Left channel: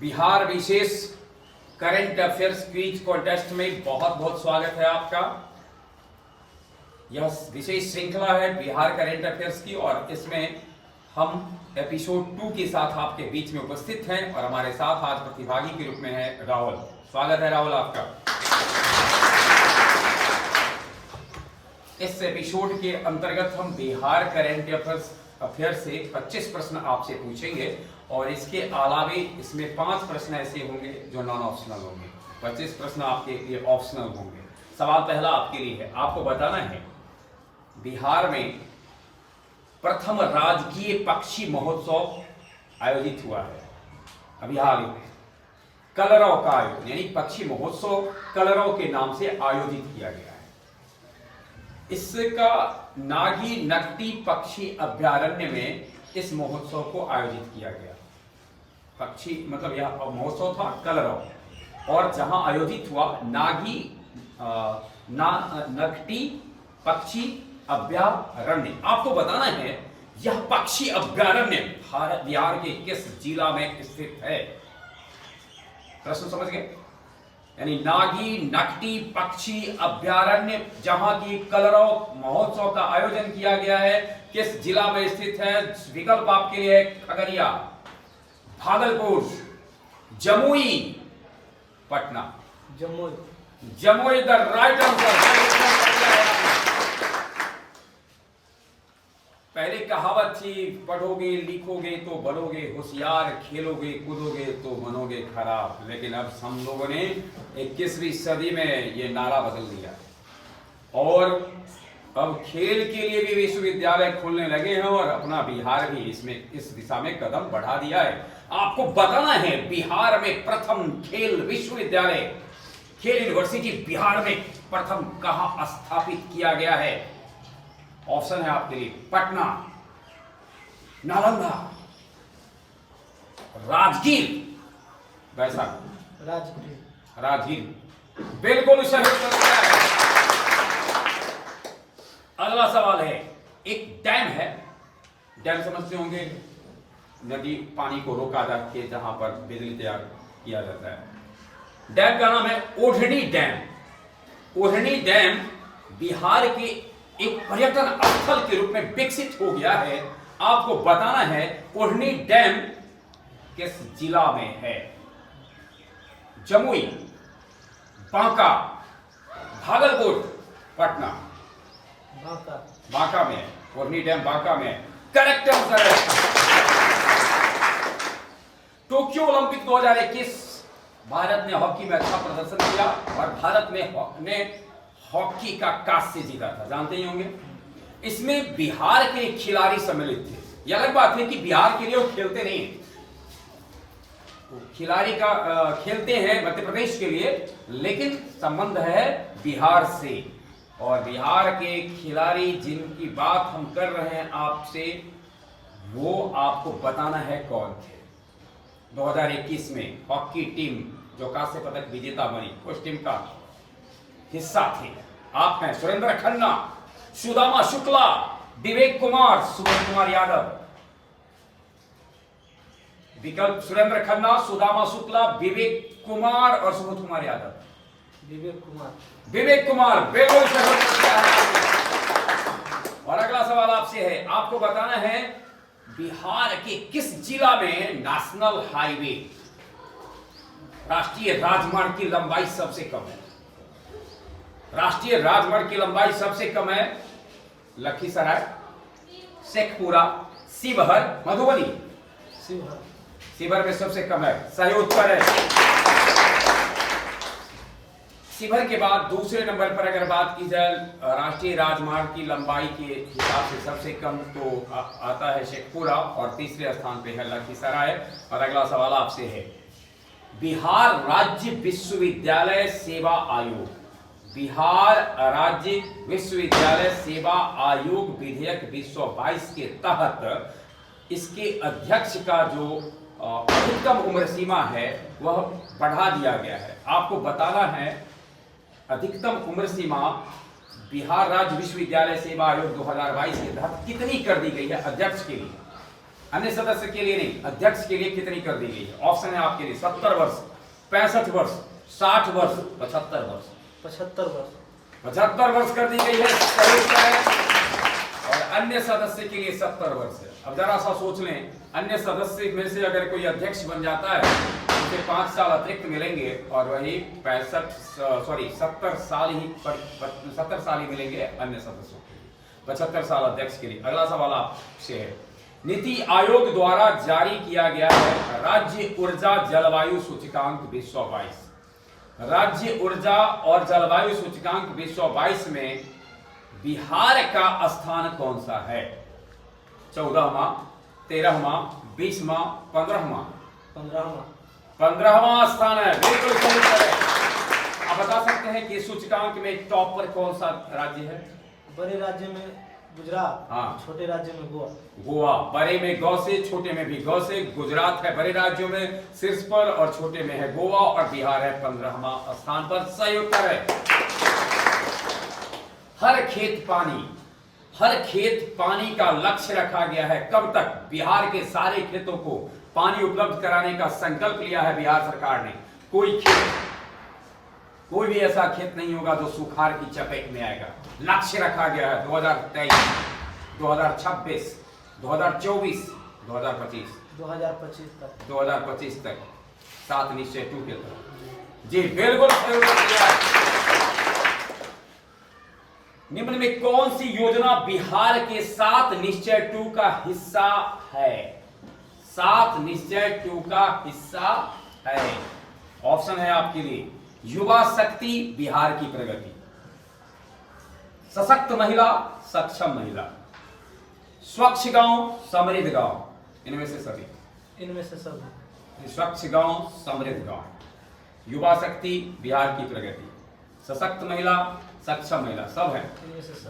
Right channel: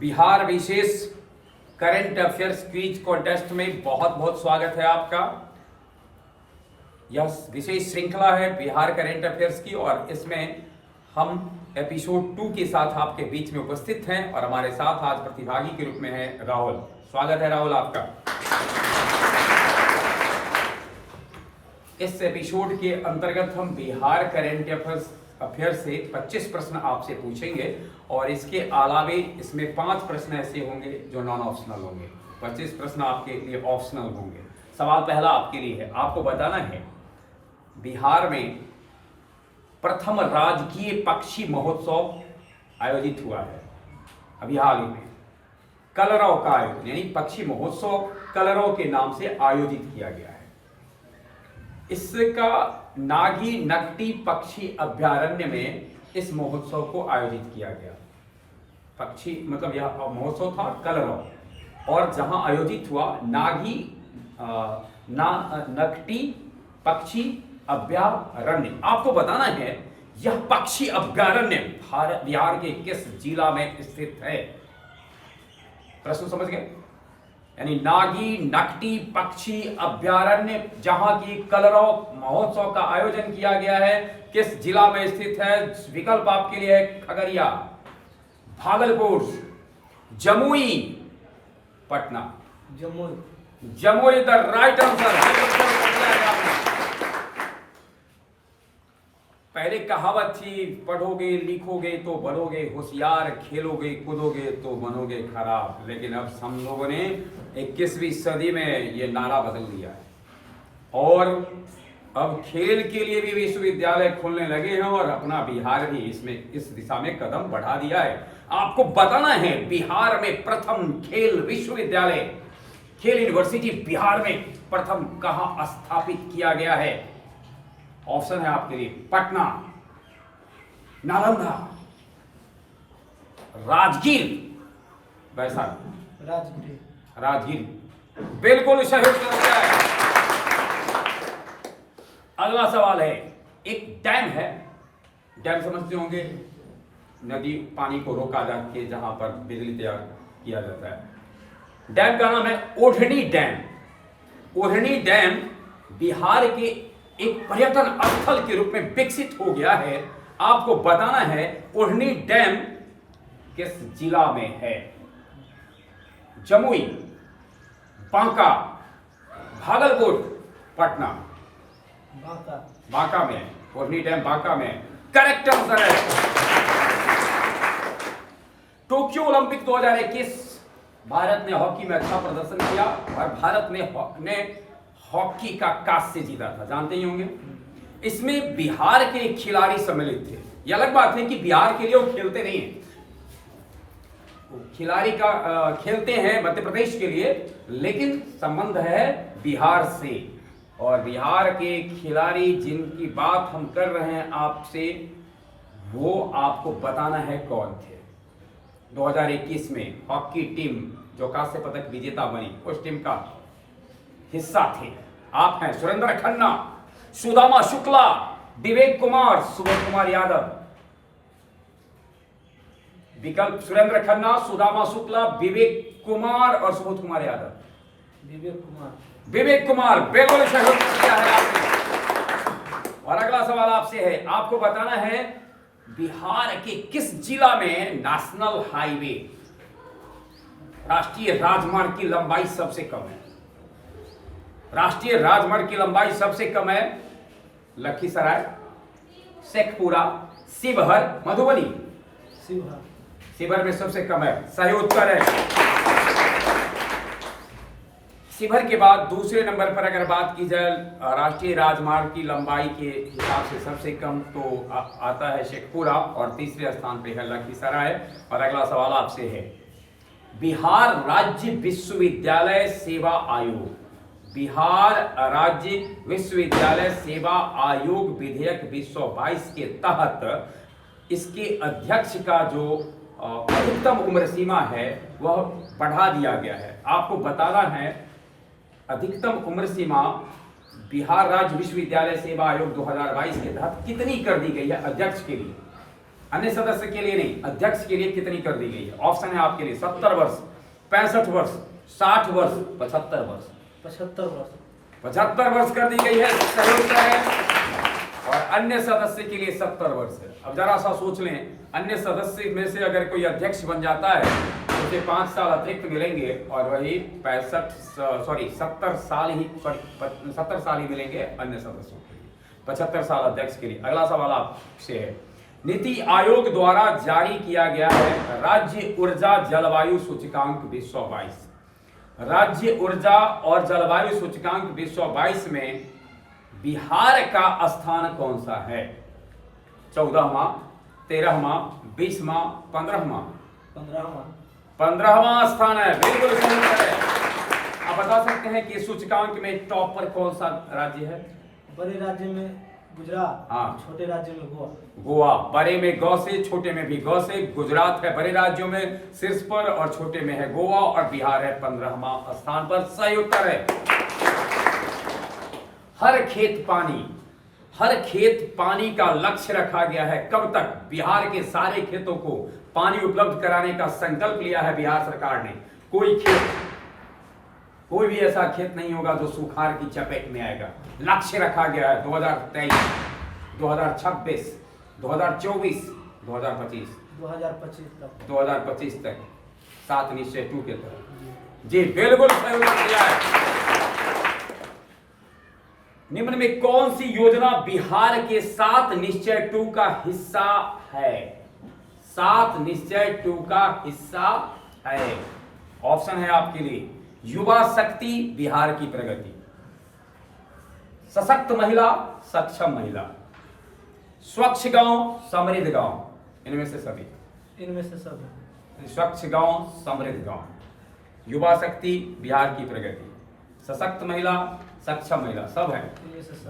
बिहार विशेष current affairs quiz contest में बहुत बहुत स्वागत है आपका। यह विशेष श्रृंखला है बिहार करंट अफेयर्स की और इसमें हम एपिसोड 2 के साथ आपके बीच में उपस्थित हैं और हमारे साथ आज प्रतिभागी के रूप में है राहुल। स्वागत है राहुल आपका। इस एपिसोड के अंतर्गत हम बिहार करंट अफेयर से 25 प्रश्न आपसे पूछेंगे और इसके अलावे इसमें 5 प्रश्न ऐसे होंगे जो नॉन ऑप्शनल होंगे। 25 प्रश्न आपके लिए ऑप्शनल होंगे। सवाल पहला आपके लिए है, आपको बताना है बिहार में प्रथम राजकीय पक्षी महोत्सव आयोजित हुआ है अभी हाल ही में। कलरव का आयोजन यानी पक्षी महोत्सव कलरव के नाम से आयोजित किया गया है। इसका नागी नकटी पक्षी अभ्यारण्य में इस महोत्सव को आयोजित किया गया। पक्षी मतलब यह महोत्सव था कलरव और जहां आयोजित हुआ नागी नकटी पक्षी अभ्यारण्य। आपको बताना है यह पक्षी अभ्यारण्य बिहार के किस जिला में स्थित है। प्रश्न समझ गए? यानी नागी नकटी पक्षी अभ्यारण्य जहां की कलरव महोत्सव का आयोजन किया गया है किस जिला में स्थित है। विकल्प आपके लिए है Khagaria, Bhagalpur, Jamui, Patna. Jamui the right answer. पहले कहावत थी, पढ़ोगे लिखोगे तो बनोगे होशियार, खेलोगे कूदोगे तो बनोगे खराब। लेकिन अब हम लोगों ने 21वीं सदी में ये नारा बदल दिया है और अब खेल के लिए भी विश्वविद्यालय खोलने लगे हैं और अपना बिहार भी इसमें इस दिशा में कदम बढ़ा दिया है। आपको बताना है बिहार में प्रथम खेल विश्वविद्यालय, खेल यूनिवर्सिटी बिहार में प्रथम कहां स्थापित किया गया है। ऑप्शन है आपके लिए पटना, नालंदा, राजगीर, वैशाली। राजगीर बिल्कुल सही उत्तर है। अगला सवाल है, एक डैम है, डैम समझते होंगे, नदी पानी को रोका जाके जहां पर बिजली तैयार किया जाता है। डैम का नाम है ओढ़नी डैम। ओढ़नी डैम बिहार के एक पर्यटन स्थल के रूप में विकसित हो गया है। आपको बताना है ओढ़नी डैम किस जिला में है। जमुई, बांका, भागलपुर, पटना। बांका में, ओढ़नी डैम बांका में करेक्ट आंसर है। टोक्यो ओलंपिक 2021 भारत ने हॉकी में अच्छा प्रदर्शन किया और भारत ने हॉकी का कांस्य जीता था, जानते ही होंगे। इसमें बिहार के खिलाड़ी सम्मिलित थे। यह अलग बात है कि बिहार के लिए वो खेलते नहीं हैं, खिलाड़ी का खेलते हैं मध्य प्रदेश के लिए, लेकिन संबंध है बिहार से। और बिहार के खिलाड़ी जिनकी बात हम कर रहे हैं आपसे, वो आपको बताना है कौन थे। 2021 में हॉकी टीम जो कांस्य पदक विजेता बनी, उस टीम का हिस्सा थे आप हैं सुरेंद्र खन्ना, सुदामा शुक्ला, विवेक कुमार, सुबोध कुमार यादव। विकल्प सुरेंद्र खन्ना, सुदामा शुक्ला, विवेक कुमार और सुबोध कुमार यादव। विवेक कुमार बिल्कुल सही उत्तर है। और अगला सवाल आपसे है, आपको बताना है बिहार के किस जिला में नेशनल हाईवे राष्ट्रीय राजमार्ग की लंबाई सबसे कम है। राष्ट्रीय राजमार्ग की लंबाई सबसे कम है लखीसराय, शेखपुरा, शिवहर, मधुबनी। शिवहर में सबसे कम है, सही उत्तर है। शिवहर के बाद दूसरे नंबर पर अगर बात की जाए राष्ट्रीय राजमार्ग की लंबाई के हिसाब से सबसे कम तो आता है शेखपुरा और तीसरे स्थान पे है लखीसराय। और अगला सवाल आपसे है, बिहार राज्य विश्वविद्यालय सेवा आयोग, बिहार राज्य विश्वविद्यालय सेवा आयोग विधेयक 2022 के तहत इसके अध्यक्ष का जो अधिकतम उम्र सीमा है वह बढ़ा दिया गया है। आपको बताना है अधिकतम उम्र सीमा बिहार राज्य विश्वविद्यालय सेवा आयोग 2022 के तहत कितनी कर दी गई है अध्यक्ष के लिए। अन्य सदस्य के लिए नहीं, अध्यक्ष के लिए कितनी कर दी गई है? ऑप्शन है आपके लिए 70 वर्ष, 65 वर्ष, 60 वर्ष, 75 वर्ष। 75 वर्ष। 75 वर्ष कर दी गई है, सही उत्तर है। और अन्य सदस्य के लिए 70 वर्ष है। अब जरा सा सोच लें, अन्य सदस्य में से अगर कोई अध्यक्ष बन जाता है तो उसे 5 साल अतिरिक्त मिलेंगे और वही 70 साल ही मिलेंगे अन्य सदस्यों के लिए, 75 साल अध्यक्ष के लिए। अगला सवाल आपसे है, नीति आयोग द्वारा जारी किया गया है राज्य ऊर्जा जलवायु सूचकांक 2022। राज्य ऊर्जा और जलवायु सूचकांक 2022 में बिहार का स्थान कौन सा है? 14वां, 13वां, 20वां, 15वां? 15वां स्थान है, बिल्कुल सही उत्तर है। आप बता सकते हैं कि सूचकांक में टॉप पर कौन सा राज्य है? बड़े राज्य में गुजरात, हाँ, छोटे राज्य में गोवा। गोवा, बड़े में गौ से, छोटे में भी गौ से। गुजरात है बड़े राज्यों में शीर्ष पर और छोटे में है गोवा, और बिहार है 15वां स्थान पर। सही उत्तर है। हर खेत पानी का लक्ष्य रखा गया है। कब तक? बिहार के सारे खेतों को पानी उपलब्ध कराने का संकल्प लिया है बिहार सरकार ने। कोई भी ऐसा खेत नहीं होगा जो सुखाड़ की चपेट में आएगा। लक्ष्य रखा गया है 2023, 2026, 2024, 2025 तक 7 निश्चय 2 के तहत। जी बिल्कुल सही उत्तर दिया है। निम्न में कौन सी योजना बिहार के 7 निश्चय 2 का हिस्सा है? 7 निश्चय 2 का हिस्सा है। ऑप्शन है आपके लिए युवा शक्ति बिहार की प्रगति, सशक्त महिला सक्षम महिला, स्वच्छ गांव समृद्ध गांव। इनमें से सभी स्वच्छ गांव समृद्ध गांव, युवा शक्ति बिहार की प्रगति, सशक्त महिला सक्षम महिला, सब है।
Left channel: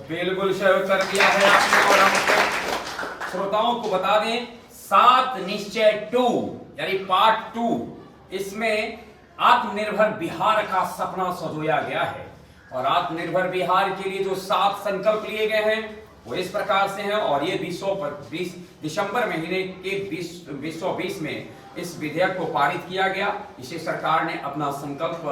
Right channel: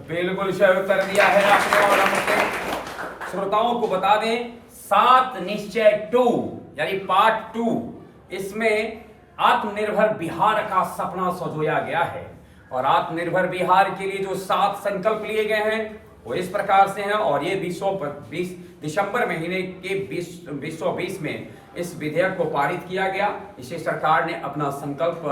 बिल्कुल सही उत्तर दिया है आपने। और हम श्रोताओं को बता दें 7 निश्चय 2 यानी पार्ट 2, इसमें आत्मनिर्भर बिहार का सपना संजोया गया है। और आत्मनिर्भर बिहार के लिए जो 7 संकल्प लिए गए हैं वो इस प्रकार से हैं। और ये 2020 दिसंबर महीने के 2020 में इस विधेयक को पारित किया गया। इसे सरकार ने अपना संकल्प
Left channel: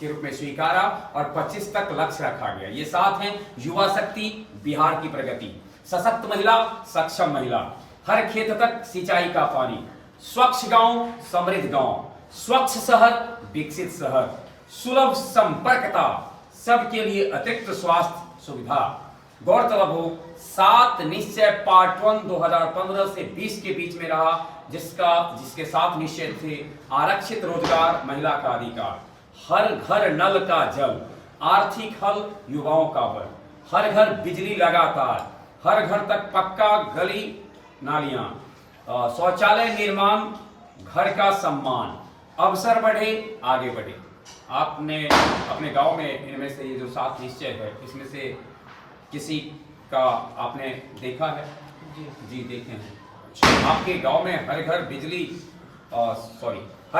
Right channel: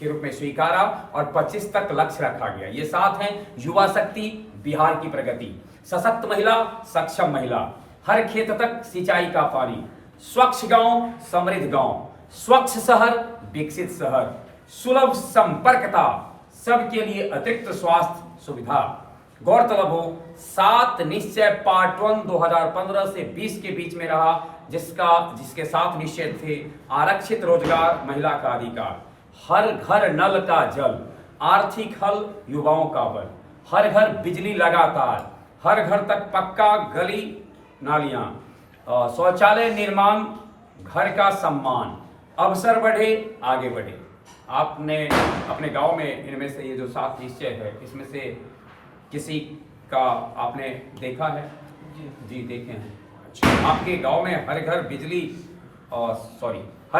के रूप में स्वीकारा और 25 तक लक्ष्य रखा गया। ये 7 हैं: युवा शक्ति बिहार की प्रगति, सशक्त महिला सक्षम महिला, हर खेत तक सिंचाई का पानी, स्वच्छ गांव समृद्ध गांव, स्वच्छ शहर विकसित शहर, सुलभ संपर्कता, सबके लिए अतिरिक्त स्वास्थ्य सुविधा। गौरतलब हो 7 निश्चय पार्ट 1 2015 से 20 के बीच में रहा, जिसके 7 निश्चय थे: आरक्षित रोजगार, महिला का अधिकार, हर घर नल का जल, आर्थिक हल युवाओं का बल, हर घर बिजली लगातार, हर घर तक पक्का गली नालियां, शौचालय निर्माण, घर का सम्मान, अवसर बढ़े आगे बढ़े। आपने अपने गांव में इनमें से ये जो 7 निश्चय है इसमें से किसी का आपने देखा है? जी देखे हैं। अच्छा, आपके गांव में हर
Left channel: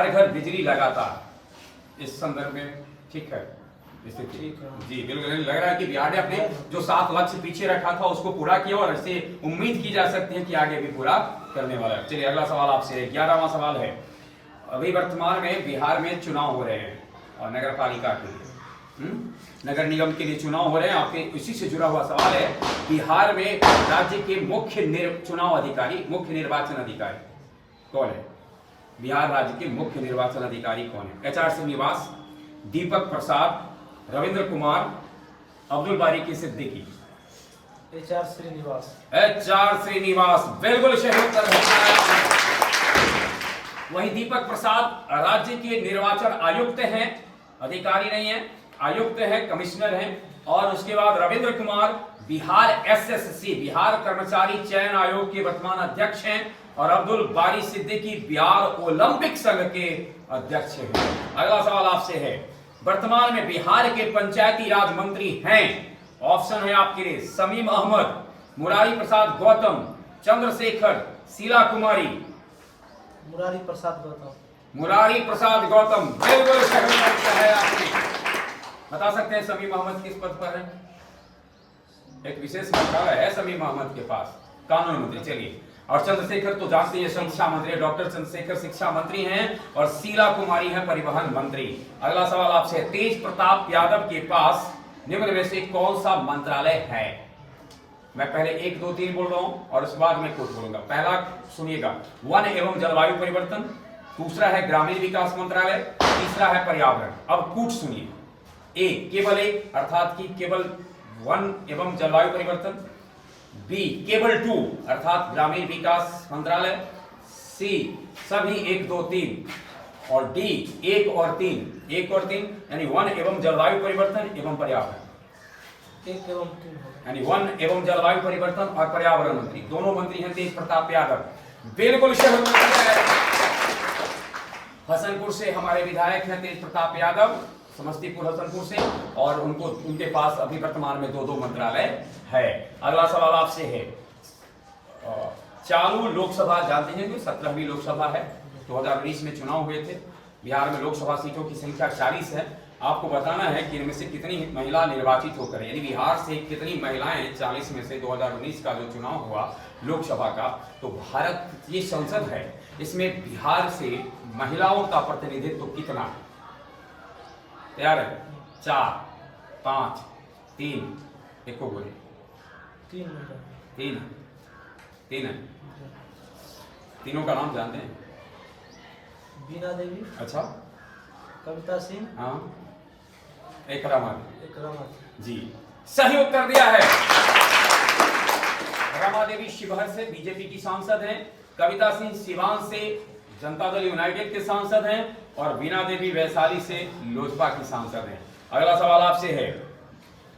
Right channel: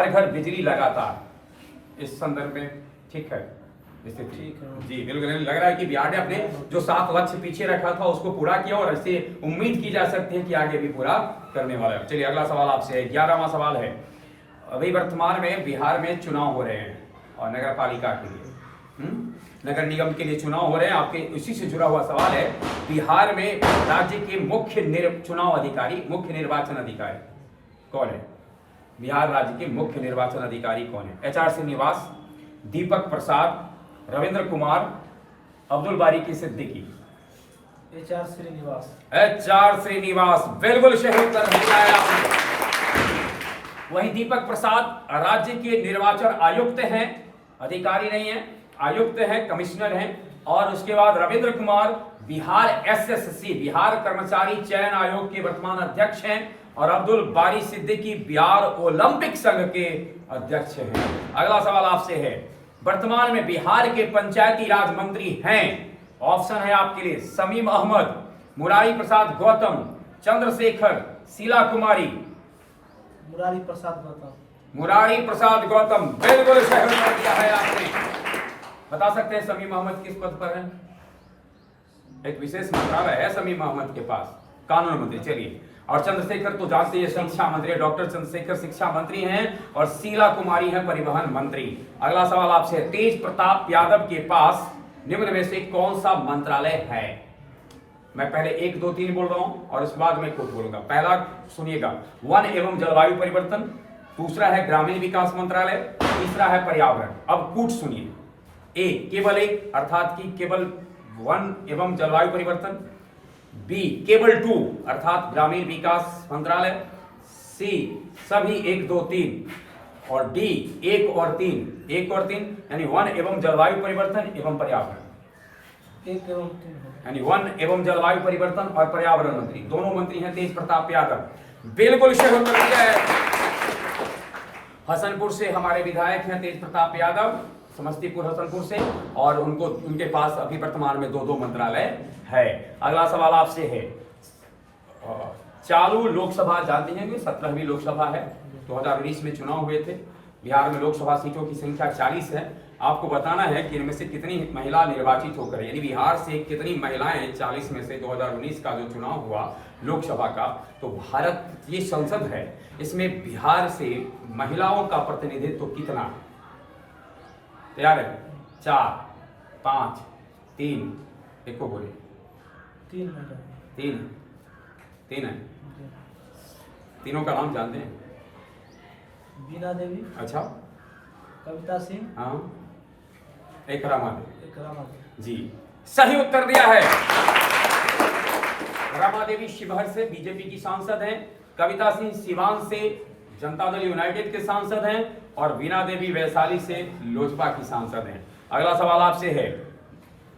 घर बिजली लगातार, इस संदर्भ में ठीक है? जी बिल्कुल। लग रहा है कि बिहार ने अपने जो 7 लक्ष्य पीछे रखा था उसको पूरा किया और इससे उम्मीद की जा सकती है कि आगे भी पूरा करने वाला है। चलिए अगला सवाल आपसे है, 11वां सवाल है। अभी वर्तमान में बिहार में चुनाव हो रहे हैं और नगर पालिका के लिए, नगर निगम के लिए चुनाव हो रहे हैं। आपके इसी से जुड़ा हुआ सवाल है, बिहार में राज्य के मुख्य निर्वाचन अधिकारी कौन है? बिहार राज्य के मुख्य निर्वाचन अधिकारी कौन है? HR श्रीनिवास, दीपक प्रसाद, रविंद्र कुमार, अब्दुल बारी सिद्दीकी। HR श्रीनिवास। बिल्कुल सही उत्तर है। वहीं दीपक प्रसाद राज्य के निर्वाचन आयुक्त हैं, अधिकारी नहीं है, आयुक्त हैं, कमिश्नर हैं। और उसके बाद रविंद्र कुमार बिहार SSC बिहार कर्मचारी चयन आयोग के वर्तमान अध्यक्ष हैं। और अब्दुल बारी सिद्दीकी बिहार ओलंपिक संघ के अध्यक्ष हैं। अगला सवाल आपसे है, वर्तमान में बिहार के पंचायती राज मंत्री हैं। ऑप्शन है आपके लिए शमीम अहमद, मुरारी प्रसाद गौतम, चंद्रशेखर, शीला कुमारी। मुरारी प्रसाद गौतम बिल्कुल सही उत्तर है आपने। बता सकते हैं शमीम अहमद किस पद पर है? एक विशेष मंत्रालय है शमीम अहमद के पास, कानून मंत्री। चलिए और चंद्रशेखर तो जानते हैं शिक्षा मंत्री, डॉक्टर चंद्रशेखर शिक्षा मंत्री हैं और शीला कुमारी हैं परिवहन मंत्री। अगला सवाल आपसे, तेज प्रताप यादव के पास निम्न में से कौन सा मंत्रालय है? मैं पहले 1 2 3 बोल रहा हूं और इसके बाद मैं कुछ बोलूंगा। पहला सुनिएगा, वन एवं जलवायु परिवर्तन, दूसरा है ग्रामीण विकास मंत्रालय, तीसरा है पर्यावरण। अब कूट सुनिए, ए केवल एक अर्थात कि केवल वन एवं जलवायु परिवर्तन, बी केवल 2 अर्थात ग्रामीण विकास मंत्रालय, सी सभी 1 2 3 और डी 1 और 3 यानी वन एवं जलवायु परिवर्तन एवं पर्यावरण। 1 एवं 3 होगा। यानी वन एवं जलवायु परिवर्तन और पर्यावरण मंत्री, दोनों मंत्री हैं तेज प्रताप यादव। बिल्कुल सही उत्तर दिया है। हसनपुर से हमारे विधायक हैं तेज प्रताप यादव, समस्तीपुर हसनपुर से, और उनके पास अभी वर्तमान में 2 मंत्रालय है। अगला सवाल आपसे है, चालू लोकसभा जानते हैं कि 17वीं लोकसभा है, 2019 में चुनाव हुए थे। बिहार में लोकसभा सीटों की संख्या 40 है। आपको बताना है कि इनमें से कितनी महिला निर्वाचित होकर, यानी बिहार से कितनी महिलाएं 40 में से 2019 का जो चुनाव हुआ लोकसभा का, तो भारत ये संसद है, इसमें बिहार से महिलाओं का प्रतिनिधित्व कितना है? तैयार है? 4 5 3 एक को बोले। 3 होगा। 3 है। तीनों का नाम जानते हैं? बीना देवी, अच्छा, कविता सिंह, हाँ, एक रमा जी, सही उत्तर दिया है। रमा देवी शिवहर से बीजेपी की सांसद हैं, कविता सिंह सिवान से जनता दल यूनाइटेड के सांसद हैं और बीना देवी वैशाली से लोजपा की सांसद हैं। अगला सवाल आपसे है,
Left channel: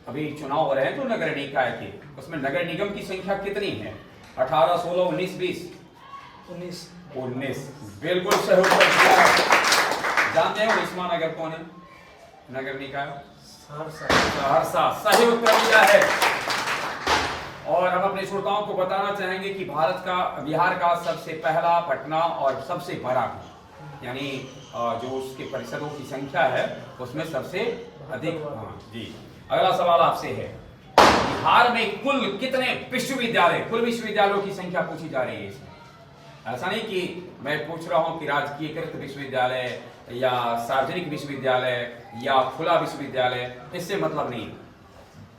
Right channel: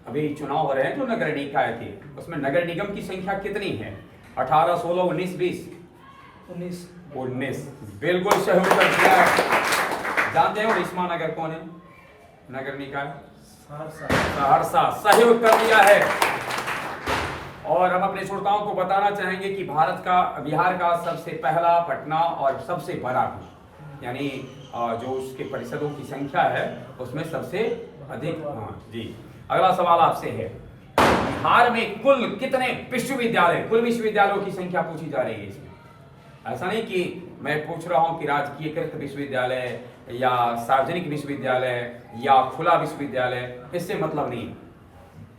अभी चुनाव हो रहे हैं जो नगर निकाय के, उसमें नगर निगम की संख्या कितनी है? 18 16 19 20 19। बिल्कुल सही उत्तर दिया है। जानते हो उस्मा नगर कौन है? नगर निकाय सहरसा, सही उत्तर दिया है। और हम अपने श्रोताओं को बताना चाहेंगे कि बिहार का सबसे पहला पटना और सबसे बड़ा भी, यानी जो उसके परिषदों की संख्या है उसमें सबसे अधिक। हाँ जी। अगला सवाल आपसे है, बिहार में कुल कितने विश्वविद्यालय, कुल विश्वविद्यालयों की संख्या पूछी जा रही है इसमें। ऐसा नहीं कि मैं पूछ रहा हूं कि राजकीयकृत विश्वविद्यालय या सार्वजनिक विश्वविद्यालय या खुला विश्वविद्यालय, इससे मतलब नहीं।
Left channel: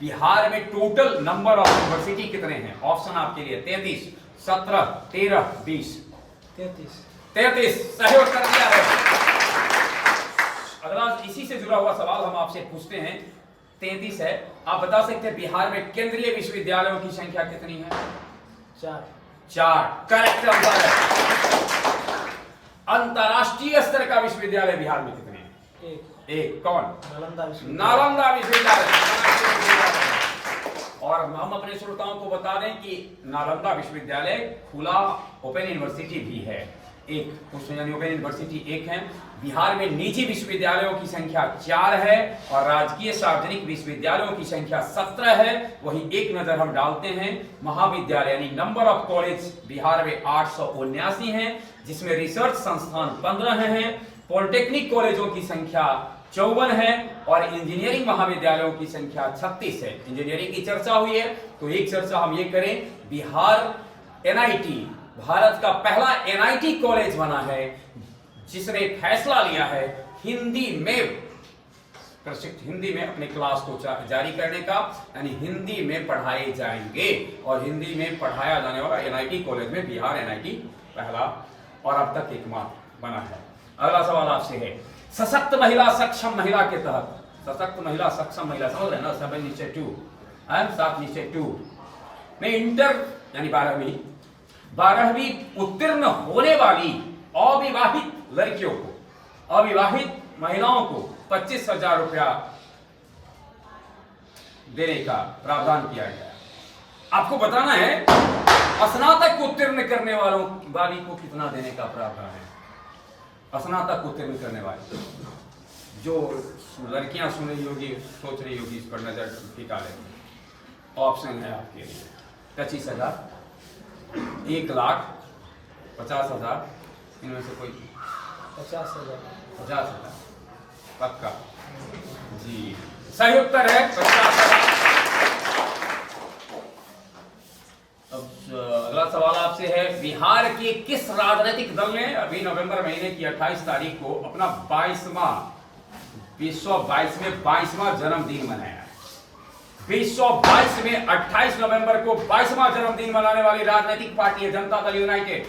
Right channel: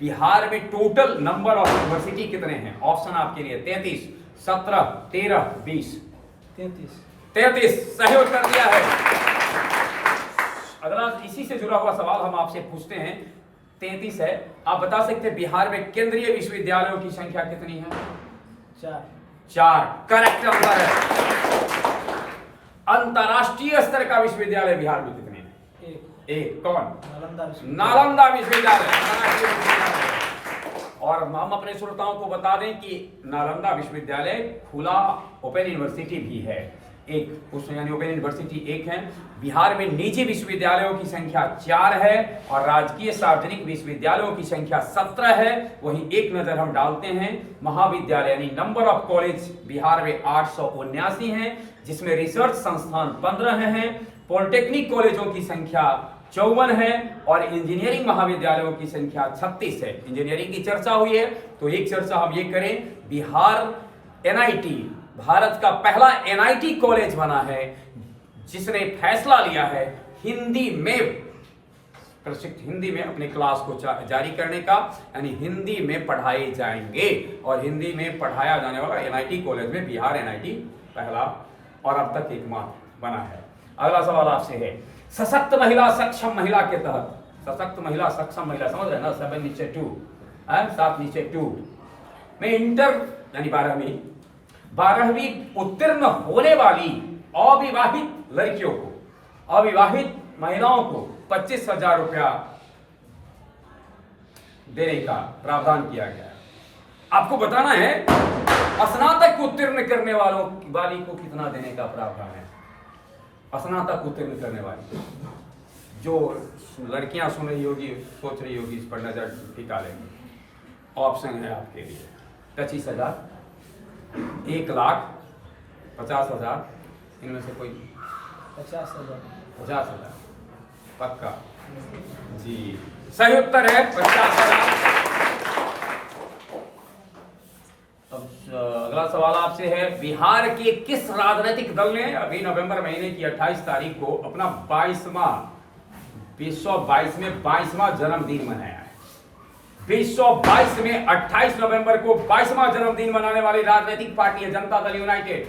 बिहार में टोटल नंबर ऑफ यूनिवर्सिटी कितने हैं? ऑप्शन आपके लिए 33 17 13 20 33 सही उत्तर दिया है। अगला इसी से जुड़ा हुआ सवाल हम आपसे पूछते हैं, 33 है। आप बता सकते हैं बिहार में केंद्रीय विश्वविद्यालयों की संख्या कितनी है? 4 करेक्ट आंसर है। अंतरराष्ट्रीय स्तर का विश्वविद्यालय बिहार में कितने हैं? एक। कौन? नालंदा विश्वविद्यालय। और हम अपने श्रोताओं को बता दें कि नालंदा विश्वविद्यालय खुला ओपन यूनिवर्सिटी भी है, एक उसमें यानी ओपन यूनिवर्सिटी एक है। बिहार में निजी विश्वविद्यालयों की संख्या 4 है और राजकीय सार्वजनिक विश्वविद्यालयों की संख्या 17 है। वहीं एक नजर हम डालते हैं महाविद्यालय यानी नंबर ऑफ कॉलेज बिहार में 879 हैं, जिसमें रिसर्च संस्थान 15 हैं, पॉलिटेक्निक कॉलेजों की संख्या 54 है और इंजीनियरिंग महाविद्यालयों की संख्या 36 है। इंजीनियरिंग की चर्चा हुई है तो एक चर्चा हम ये करें, बिहार एनआईटी भारत का पहला एनआईटी कॉलेज बना है जिसने फैसला लिया है हिंदी में अपने क्लास को जारी करने का, यानी हिंदी में पढ़ाए जाएंगे और हिंदी में पढ़ाया जाने वाला एनआईटी कॉलेज में बिहार एनआईटी पहला और अब तक एकमात्र बना है। अगला सवाल आपसे है, सशक्त महिला सक्षम महिला के तहत, सशक्त महिला सक्षम महिला समझ रहे ना, 7 नीचे 2 7 नीचे 2 में इंटर यानी 12वीं उत्तीर्ण होने वाली अविवाहित लड़कियों को, अविवाहित महिलाओं को 25,000 रुपया देने का प्रावधान किया गया है। आपको बताना है स्नातक उत्तीर्ण करने वाली को कितना देने का प्रावधान है। स्नातक उत्तीर्ण करने वाली जो लड़कियां सुन रही होगी, सोच रही होगी, इस पर नजर टिका लेंगे। ऑप्शन है आपके लिए 25,000, 1,50,000, इनमें से कोई 50,000 पक्का जी, सही उत्तर है 50,000। अब अगला सवाल आपसे है, बिहार के किस राजनीतिक दल ने अभी नवंबर महीने की 28 तारीख को अपना 22वां जन्मदिन मनाया है? 2022 में 28 नवंबर को 22वां जन्मदिन मनाने वाली राजनीतिक पार्टी है जनता दल यूनाइटेड,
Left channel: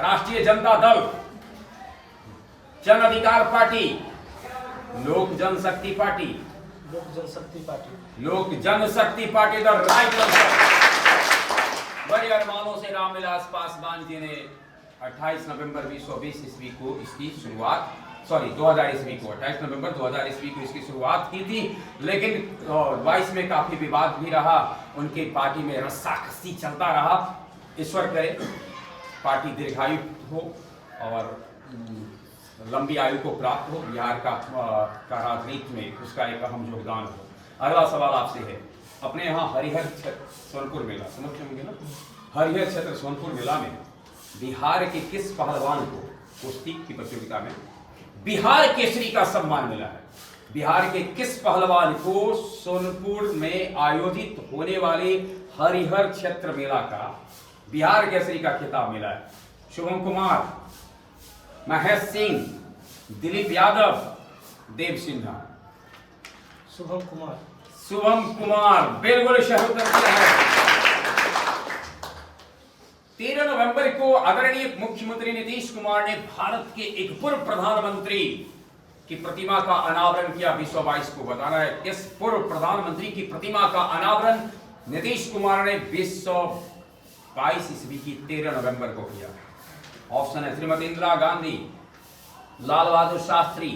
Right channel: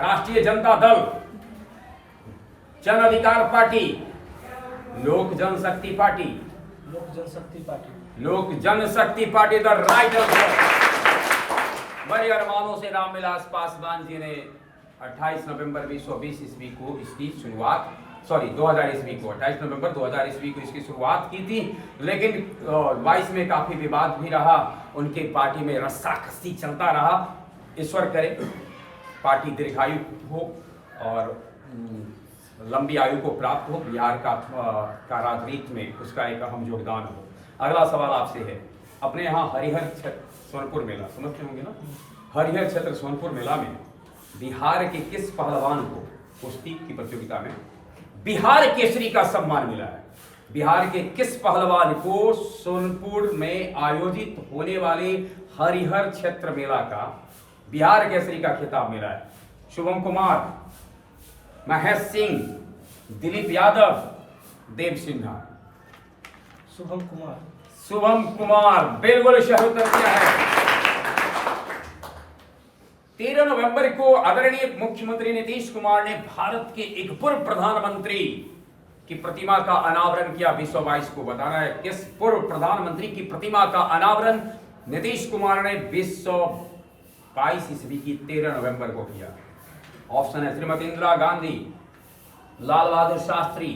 राष्ट्रीय जनता दल, जन अधिकार पार्टी, लोक जनशक्ति पार्टी। लोक जनशक्ति पार्टी। लोक जनशक्ति पार्टी द राइट आंसर। बड़े अरमानों से रामविलास पासवान जी ने 28 नवंबर 2020 ईस्वी को इसकी शुरुआत 2000 ईस्वी को 28 नवंबर 2000 ईस्वी को इसकी शुरुआत की थी, लेकिन 22 में काफी विवाद भी रहा, उनके पार्टी में रस्साकसी चलता रहा। ईश्वर करे पार्टी दीर्घायु हो और लंबी आयु को प्राप्त हो, बिहार का राजनीति में उसका एक अहम योगदान हो। अगला सवाल आपसे है, अपने यहाँ हरिहर क्षेत्र सोनपुर मेला समझते होंगे ना, हरिहर क्षेत्र सोनपुर मेला में बिहार के किस पहलवान को कुश्ती की प्रतियोगिता में बिहार केसरी का सम्मान मिला है? बिहार के किस पहलवान को सोनपुर में आयोजित होने वाले हरिहर क्षेत्र मेला का बिहार केसरी का खिताब मिला है? शुभम कुमार, महेश सिंह, दिलीप यादव, देव सिन्हा। शुभम कुमार। शुभम कुमार बिल्कुल सही उत्तर दिया है। 13 नवंबर को आदरणीय मुख्यमंत्री नीतीश कुमार ने भारत के एक पूर्व प्रधानमंत्री की प्रतिमा का अनावरण किया। 2022 को बताना है किस पूर्व प्रधानमंत्री की प्रतिमा का अनावरण नीतीश कुमार ने 2022 ईस्वी की 13 नवंबर को किया। ऑप्शन है श्रीमती इंदिरा गांधी, लाल बहादुर शास्त्री,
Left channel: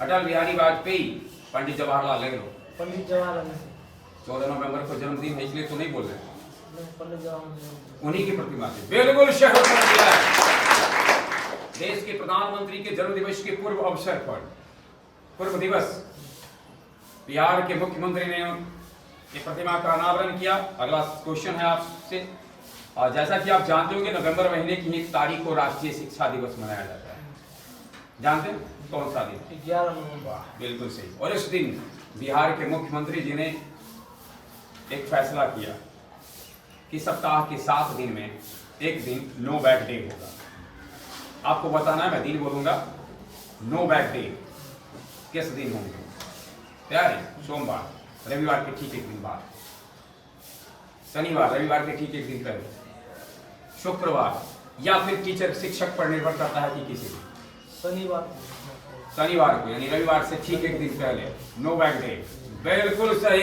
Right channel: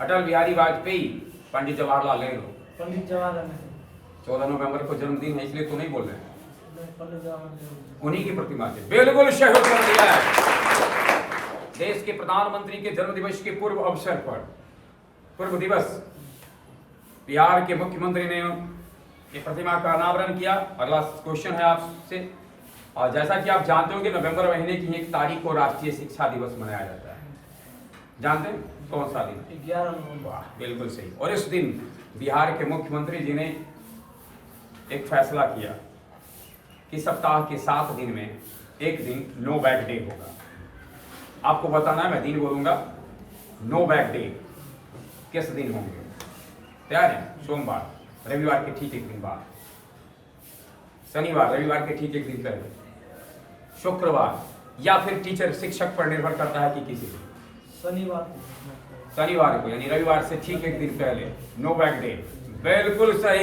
अटल बिहारी वाजपेयी, पंडित जवाहरलाल नेहरू। पंडित जवाहरलाल नेहरू। 14 नवंबर को जन्मदिन है इसलिए तो नहीं बोल रहे, पंडित जवाहरलाल नेहरू उन्हीं की प्रतिमा से बिल्कुल सही उत्तर दिया है। देश के प्रधानमंत्री के जन्म दिवस के पूर्व अवसर पर पूर्व दिवस बिहार के मुख्यमंत्री ने ये प्रतिमा का अनावरण किया। अगला क्वेश्चन है आपसे, और जैसा कि आप जानते हो कि नवंबर महीने की 1 तारीख को राष्ट्रीय शिक्षा दिवस मनाया जाता है, जानते हैं कौन सा दिन? 11 नवंबर। बिल्कुल सही। और इस दिन बिहार के मुख्यमंत्री जी ने एक फैसला किया कि सप्ताह के 7 दिन में एक दिन नो बैग डे होगा। आपको बताना है, मैं दिन बोलूंगा, नो बैग डे किस दिन होंगे? तैयार है? सोमवार, रविवार के ठीक एक दिन बाद, शनिवार, रविवार के ठीक एक दिन पहले, शुक्रवार, या फिर टीचर शिक्षक पर निर्भर करता है कि किसी दिन शनिवार को, यानी रविवार से ठीक एक दिन पहले नो बैग डे। बिल्कुल सही,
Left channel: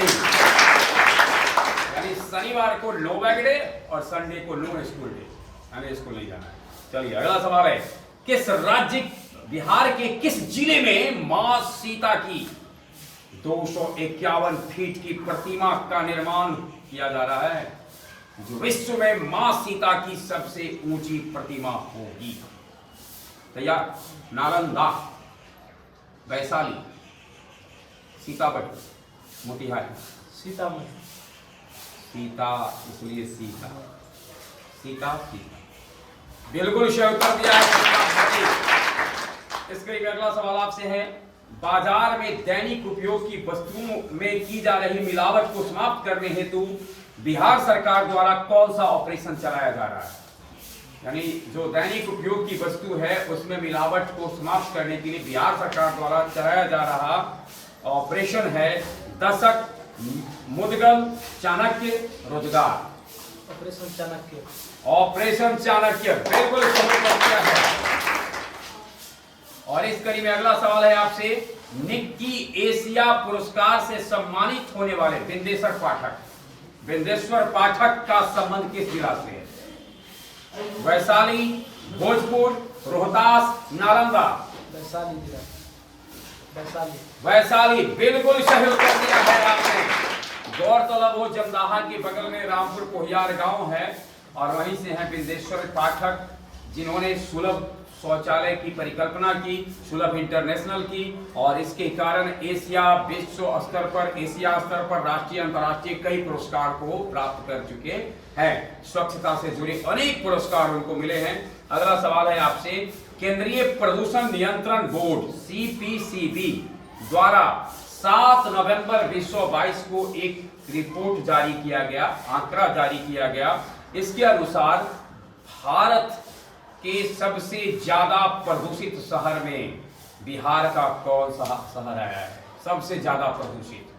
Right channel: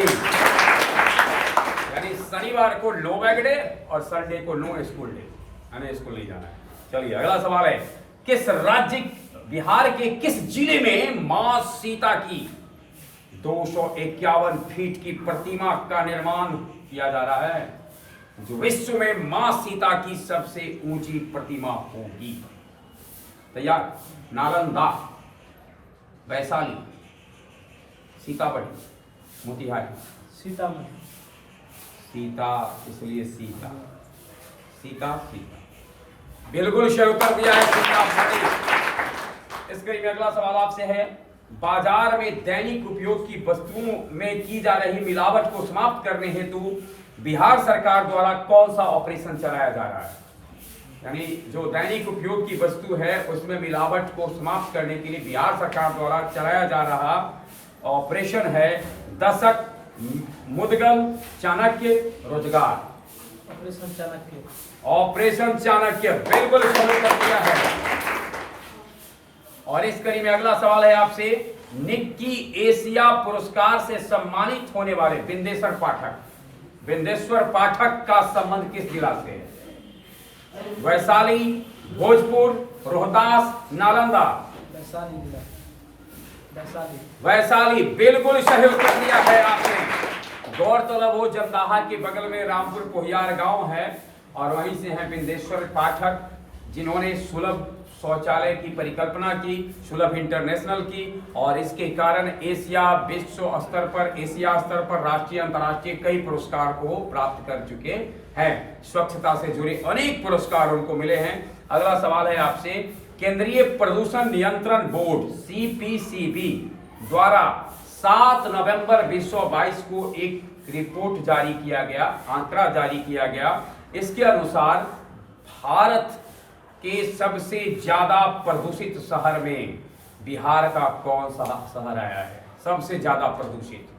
यानी शनिवार को नो बैग डे और संडे को नो स्कूल डे, हमें स्कूल नहीं जाना है। चलिए अगला सवाल है, किस राज्य बिहार के किस जिले में मां सीता की 251 फीट की प्रतिमा का निर्माण किया जा रहा है, जो विश्व में मां सीता की सबसे ऊंची प्रतिमा होगी? तैयार? नालंदा, वैशाली, सीतामढ़ी, मोतिहारी। सीतामढ़ी। सीता इसलिए सीता, सीता सीता, बिल्कुल सही उत्तर दिया है सीतामढ़ी। इसके लिए अगला सवाल आपसे है, बाजार में दैनिक उपयोग की वस्तुओं में की जा रही मिलावट को समाप्त करने हेतु बिहार सरकार द्वारा कौन सा ऑपरेशन चलाया जा रहा है? यानी जो दैनिक उपयोग की वस्तु है उसमें मिलावट को समाप्त करने के लिए बिहार सरकार द्वारा चलाया जा रहा ऑपरेशन है दशक मुद्गल चाणक्य रोजगार। ऑपरेशन चाणक्य। ऑपरेशन चाणक्य बिल्कुल सही उत्तर दिया है। और इस कड़ी में अगला सवाल है आपसे, निक्की एशिया पुरस्कार से सम्मानित होने वाले बिंदेश्वर पाठक का संबंध किस जिला से है? वैशाली, भोजपुर, रोहतास, नालंदा। वैशाली जिला। वैशाली। वैशाली बिल्कुल सही उत्तर दिया है आपने। गौरतलब हो जमदाहा के बगल में रामपुर कोहियार गांव है और वहीं से हैं बिंदेश्वर पाठक, जिन्होंने सुलभ शौचालय की परिकल्पना की, सुलभ इंटरनेशनल की, और इसके कारण एशिया विश्व स्तर पर, एशिया स्तर पर राष्ट्रीय अंतर्राष्ट्रीय कई पुरस्कार को प्राप्त कर चुके हैं। स्वच्छता से जुड़े अनेक पुरस्कार उनको मिले हैं। अगला सवाल है आपसे, केंद्रीय प्रदूषण नियंत्रण बोर्ड CPCB द्वारा 7 नवंबर 2022 को एक रिपोर्ट जारी किया गया, आंकड़ा जारी किया गया। इसके अनुसार भारत के सबसे ज्यादा प्रदूषित शहर में बिहार का कौन सा शहर आया है? सबसे ज्यादा प्रदूषित।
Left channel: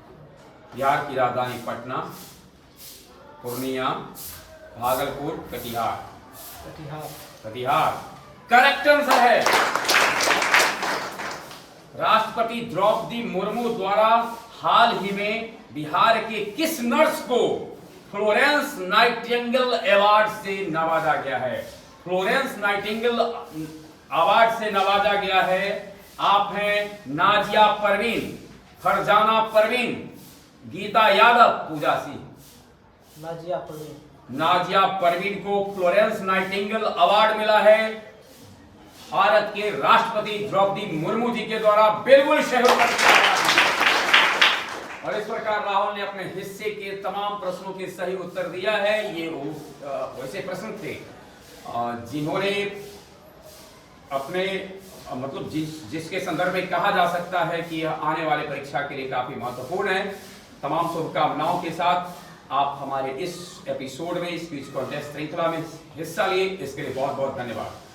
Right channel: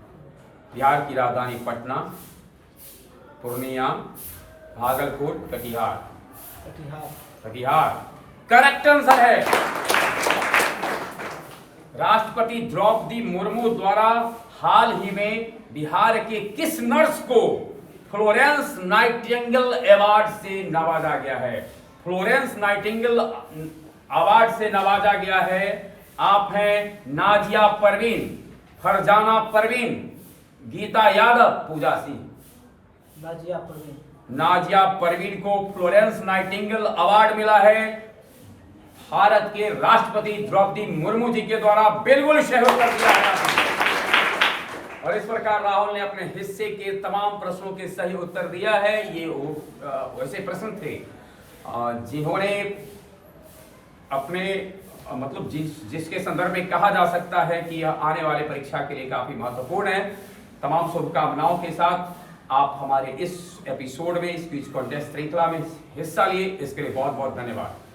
बिहार की राजधानी पटना, पूर्णिया, भागलपुर, कटिहार। कटिहार। कटिहार करेक्ट आंसर है। राष्ट्रपति द्रौपदी मुर्मू द्वारा हाल ही में बिहार के किस नर्स को फ्लोरेंस नाइटिंगेल अवार्ड से नवाजा गया है? फ्लोरेंस नाइटिंगेल अवार्ड से नवाजा गया है। आप हैं नाजिया परवीन, फरजाना परवीन, गीता यादव, पूजा सिंह। नाजिया परवीन। नाजिया परवीन को फ्लोरेंस नाइटिंगेल अवार्ड मिला है भारत के राष्ट्रपति द्रौपदी मुर्मू जी के द्वारा। बिल्कुल सही उत्तर दिया गया और इस प्रकार राहुल ने अपने हिस्से के तमाम प्रश्नों के सही उत्तर दिया है। ये वैसे प्रश्न थे जिन्होंने अपने मतलब जिसके संदर्भ में कहा जा सकता है कि यह आने वाले परीक्षा के लिए काफी महत्वपूर्ण है। तमाम शुभकामनाओं के साथ आप हमारे इस एपिसोड में, इस क्विज कॉन्टेस्ट श्रृंखला में हिस्सा लिए, इसके लिए बहुत बहुत धन्यवाद।